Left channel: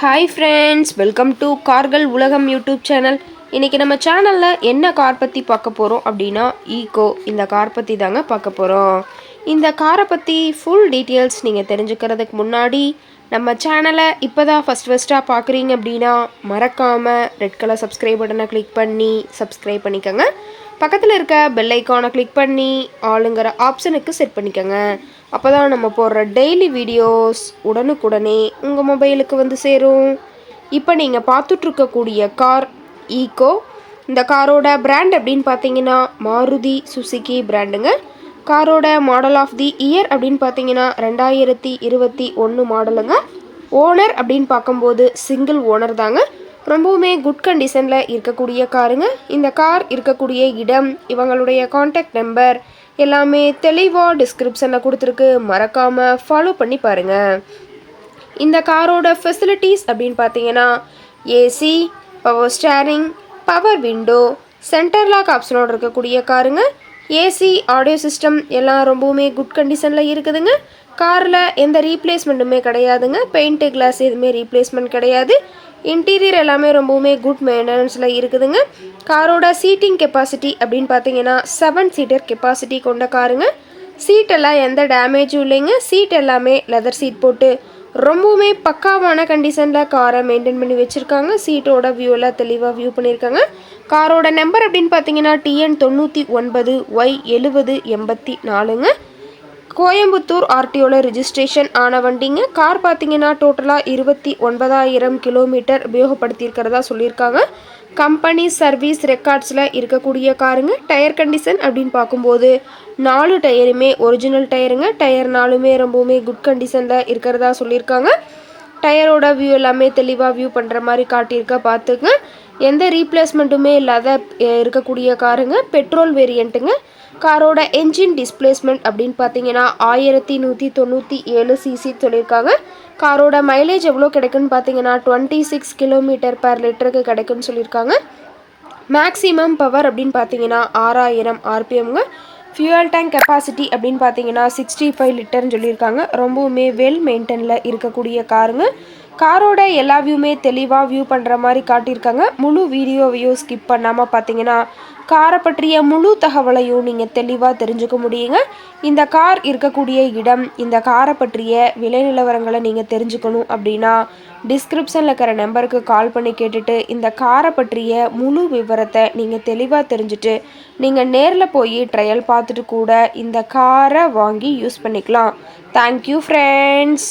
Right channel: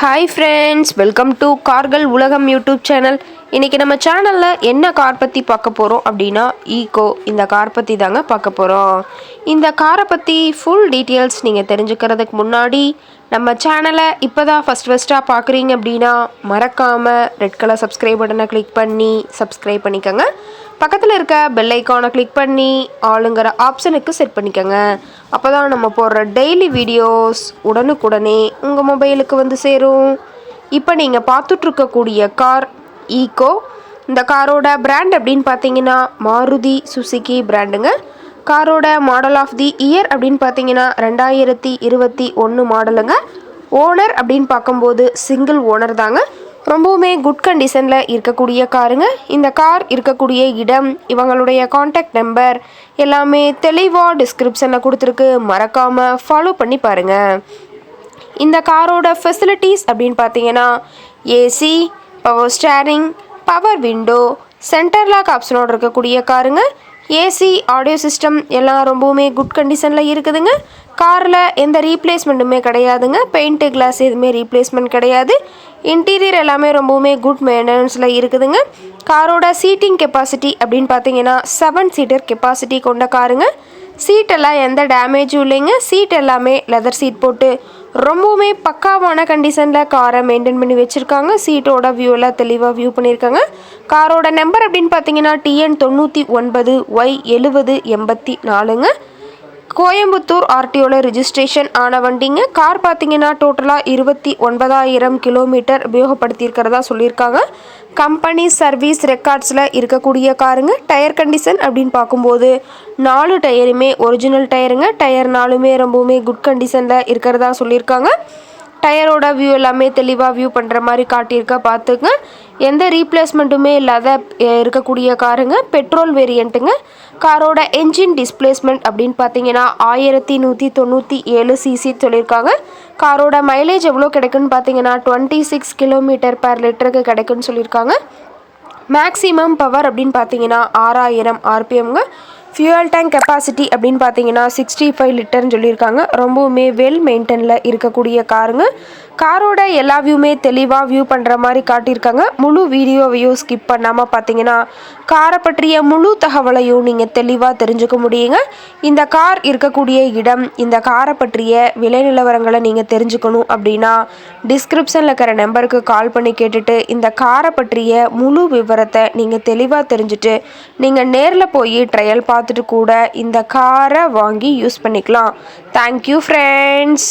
Hi friends, welcome to கார்கள் உலகம் YouTube channel. இன்றைக்கி நம்ம சேனலில் என்ன கார் பற்றி பார்க்க போகிறோம் அப்படின்னா ஈகோ இந்த கார் பற்றி தாங்க பார்க்க போகிறோம். இந்த காரை பற்றி ஃபுல் டீட்டெயில்ஸ் நீங்கள் தெரிஞ்சுக்கிறதுக்கு முன்னாடி நம்ம சேனலை இப்போ தான் ஃபஸ்ட்டாக பார்க்குறீங்க அப்படின்னா மறக்காமல் ரெட் கலர் சப்ஸ்கிரைப் பட்டனை கிளிக் பண்ணி சப்ஸ்கிரைப் பண்ணிக்கோங்க. பக்கத்தில் இருக்க பெல் ஐக்கானை கிளிக் பண்ணி ஆளுங்கிற ஆப்ஷனுக்கு செட் பண்ணிக்கோங்க. அப்போ தான் நம்ம போடுற டெய்லி வீடியோஸ் உடனுக்குடனே உங்கள் மொபைலுக்கு வந்து சேரும். இப்போ நீங்கள் பார்த்துட்ருக்கக்கூடிய கார் ஈகோ. இந்த காரோட பிராண்ட் அப்படின்னு பார்த்தீங்கன்னா மாருதி சுசுகி பிராண்டுங்க. காரோட மாடல் ஆஃப் தி இயர் அப்படின்னு பார்த்தீங்கன்னா 2021 மாடலுங்க. ஓனர் அப்படின்னு பார்க்கும்போது சிங்கிள் ஓனர் தாங்க. ரொம்பவுமே குட் கண்டிஷனில் இருக்கக்கூடிய காருங்க. இந்த கார் இருக்கக்கூடிய இடம், இவங்களுடைய காண்டாக்ட் நம்பர் எல்லாமே தெளிவாக டிஸ்கிரிப்ஷனில் கொடுத்துருக்கு. மறக்காமல் ஃபாலோ பண்ணி பாருங்கள். இந்த காரோட ஃபெசிலிட்டிஸ் அப்படின்னு பார்த்தீங்கன்னா AC, power steering, power window, centre lock ஆப்ஷனோடு இருக்கக்கூடிய காருங்க. ஏசி, ஆடியோ சிஸ்டம் எல்லாம் ரொம்பவுமே குட் கண்டிஷனில் இருக்குதுங்க. காரில் எந்த ரீப்ளேஸ்மெண்ட்டுமே கிடையாதுங்க. பெயிண்ட்டு, கிளாஸ் எதுவுமே ரீப்ளேஸ்மெண்ட் கிடையாது. இன்டீரியர் எல்லாமே ரொம்பவுமே குட் மெயின்டெனன்ஸில் இருக்குதுங்க. காரோட சீட்டிங் கெப்பாசிட்டி அப்படின்னு பார்த்தீங்கன்னா 7 சீட்டர் கெப்பாசிட்டி கொண்ட காருங்க. சீட்டெல்லாம் எந்த டேமேஜும் இல்லைங்க. சீட் எல்லாமே லெதர் சீட் போட்டு ரொம்பவுமே பக்காவான கண்டிஷனில் காரை மெயின்டைன் பண்ணி வச்சுருக்காங்க. சீட்டோட வியூலாம் தெளிவாக வியூ பண்ணியிருக்காங்க. காரோட நம்பர் அப்படின்னு பார்த்தீங்கன்னா TN 99 Y7084ங்க. கோயம்புத்தூர் ஆர்டிஓவில் ரிஜிஸ்ட்ரேஷன் ஆன வண்டிங்க. கார் பார்த்தீங்கன்னா டோட்டலாக 29,000 கிலோமீட்டர் உபயோகப்படுத்தியிருக்கிறதா சொல்லியிருக்காங்க. கம்பெனி சர்வீஸ் ரெக்கார்ட்ஸில் இருக்கக்கூடிய காருங்க. டயர் கண்டிஷன் அப்படின்னு பார்க்கும்போது 4 டயருமே ஒரிஜினல் டயருங்க. டயர் 4மே ரொம்பவுமே குட் கண்டிஷனில் இருக்கிறதா சொல்லியிருக்காங்க. டயரோட வியூ எல்லாமே தெளிவாக வியூ பண்ணுற மாதிரி காட்டியிருக்க பார்த்துங்க. எந்த ரீப்ளேஸ்மெண்ட்டுமே இல்லாத இருக்கக்கூடிய காருங்க. பெட்ரோல் வேரியண்ட்டுங்க. காரோட என்ஜின் டிஸ்பிளேஸ்மெண்ட் அப்படின்னு பார்த்தீங்கன்னா 1197 சிசி சொல்லியிருக்காங்க. காரோட மைலேஜ் எவ்வளோ கிடைக்குன்னு பார்த்தீங்கன்னா 26 கிலோமீட்டர் பர் லிட்டருக்கு கிடைக்குன்னு சொல்லியிருக்காங்க. மேக்ஸிமம் பவர் அப்படின்னு பார்த்தீங்கன்னா 6000 RPMங்க. ஃபியூயல் டேங்க் கெப்பாசிட்டி அப்படின்னு பார்த்தீங்கன்னா 65 லிட்டர்னு சொல்லியிருக்காங்க. ரொம்பவுமே வெல் மெயின்டெனில் இருக்கக்கூடிய காருங்க. காரோட எல்லா வியூமே தெளிவாக வியூ பண்ணுற மாதிரி காட்டியிருக்காங்க. முழு வீடியோவையும் ஸ்கிப் பண்ணாமல் பார்த்தீங்கன்னா காரை பற்றிய முழு தகவலையும் நீங்கள் தெளிவாக தெரிஞ்சுக்க முடியுங்க. இந்த கார் இருக்கக்கூடிய இடம், இந்த காரை பற்றிய விலை நிலவரங்களை நீங்கள் தெரிஞ்சுக்கணும் அப்படின்னா டிஸ்கிரிப்ஷனில் இருக்கிற நம்பருக்கு கால் பண்ணி கேட்டுட்டு இந்த காரை பற்றிய முழு விவரத்தை நீங்கள் தெளிவாக தெரிஞ்சுட்டு நீங்கள் நேரில் போய் ட்ரையல் பார்த்துட்டு கூட இந்த காரை வாங்கி யூஸ் பண்ணிக்கலாம். Thank you friends.